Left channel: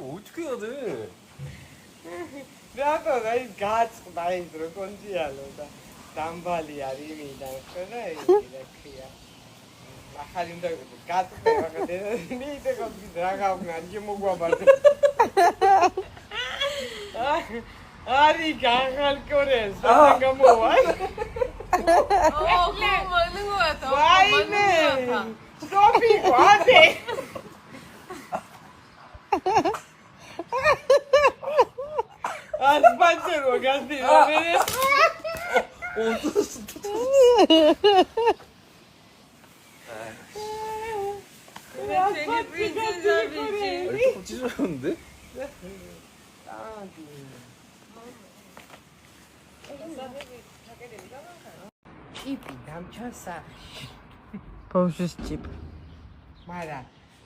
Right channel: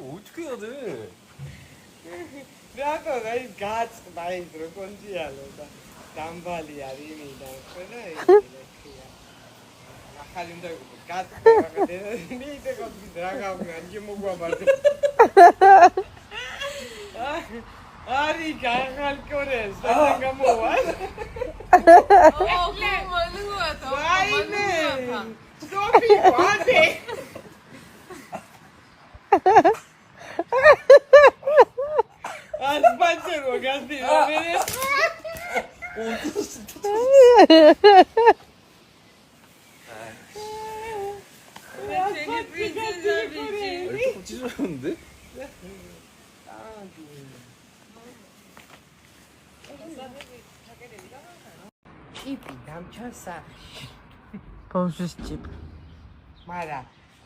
어떻게 해야 돼? 나도 나 가츠 많이 들어 건지야로다 담발이야 리미다 그래 이렇게야 나칼린다 가츠 내가 내가 거기 들어가고 난 지목과 말도 아리 강할 거래 사장가 뭐야 그거 맞는 거 같아. 와이네 소피 과대 아스팔트로 갔지 너네 되게 프린세스이지. 조금 찢어졌는데? ჭიპი დამჩასა ბავშვის ჭიპ. მაგრამ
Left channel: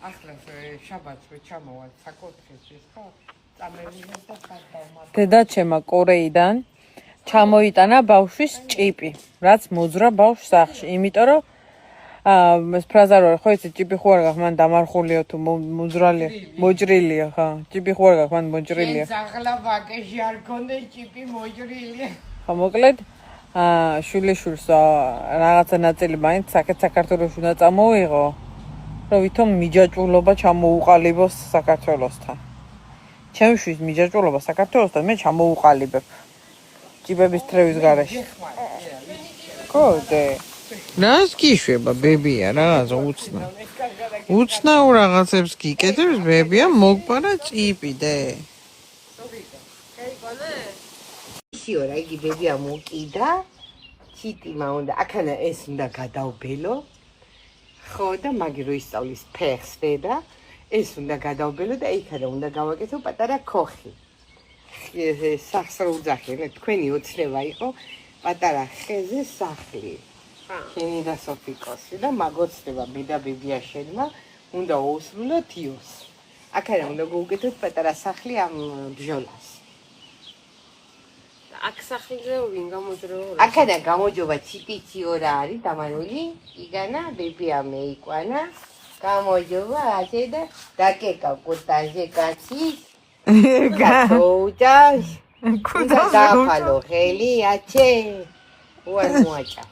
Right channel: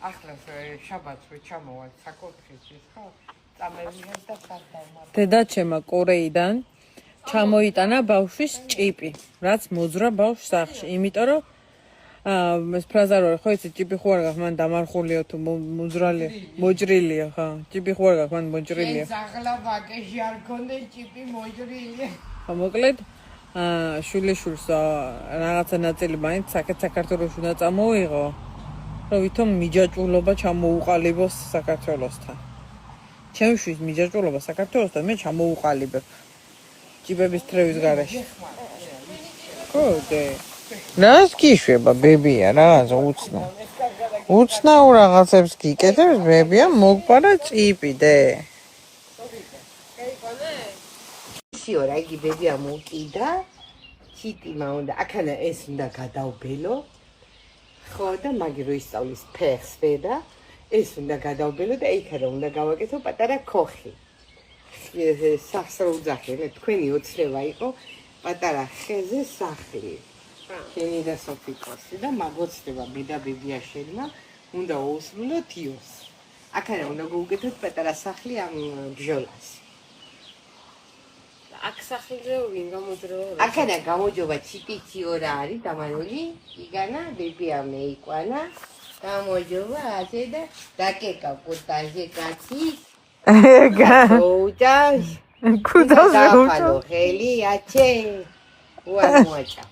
ახლას შაბათს რო ჩამოვალ საკურთხევლში ხო წამევიდეთ და გადავმართ დედაჩემა კორეიდან ჩამოიტანა ბავშვის ჭიპი, რაც მოძრა ბავშვს სახლში, იმიტომ რომ ეს ფრაზა რო ხო იცი ჭიპი ხო არ გაქვს მან დამარხულია თუ მოძრალია, მოჭრილია ხა. ჭიპი ხო არ გაქვს მან მოჭრილია. ახლა ვაკეში არ გქონდა ჭიპი მოჭრილი ხო მოკლედ შვილიშვილს რაღაცა ნაწილი მაინც საქართველოში უნდა წამოიღო, რომ ვითომ მიჯაჭვულობა ჩამოუყალიბოს საქართველოსთან. ჩემი შვილის მიჯაჭვულობა საქართველოსთან მე ჩამოუყალიბებ. ჭიბების თრევის გარეშე. კოდე. რას გიშვება ბებია, რაღაცა უცნა. უცნაურ რაღაცებს გიკეთებს ბებია, მოგპარა ჭიპი დე. ისიორა იგი ბებია მოკიდა ჩიტიმა უნდა აქანა ეს უნდა გადავბელო ხო და მაგი რო ისწავლის ფეხსვე და ეს უნდა გადავბელო და იქადა უნდა გავაკეთო პატარა ქოხი სახსრულ ძახი თქვენი ოცნება იყო პატარა ხეზე სახლი შენი და სოფიკოსი და მაგოცდება მე და ბებია შენმა უნდა ოუსმნოთ იოს აქანა უნდა გავუკეთოთ პატარა სახლი ამ ბჟოლას აქ სახლზე ვინ გამოძრაო? აქანა გამოჯობა ციპიციორა არის დამანული იგანა ბებია მეიყვანა გამოჯობა ასე და დაკეკა კუტაზე კაცი გაუჭას კუტაზე დაფალო ხელი აჩე უარ მოაჭა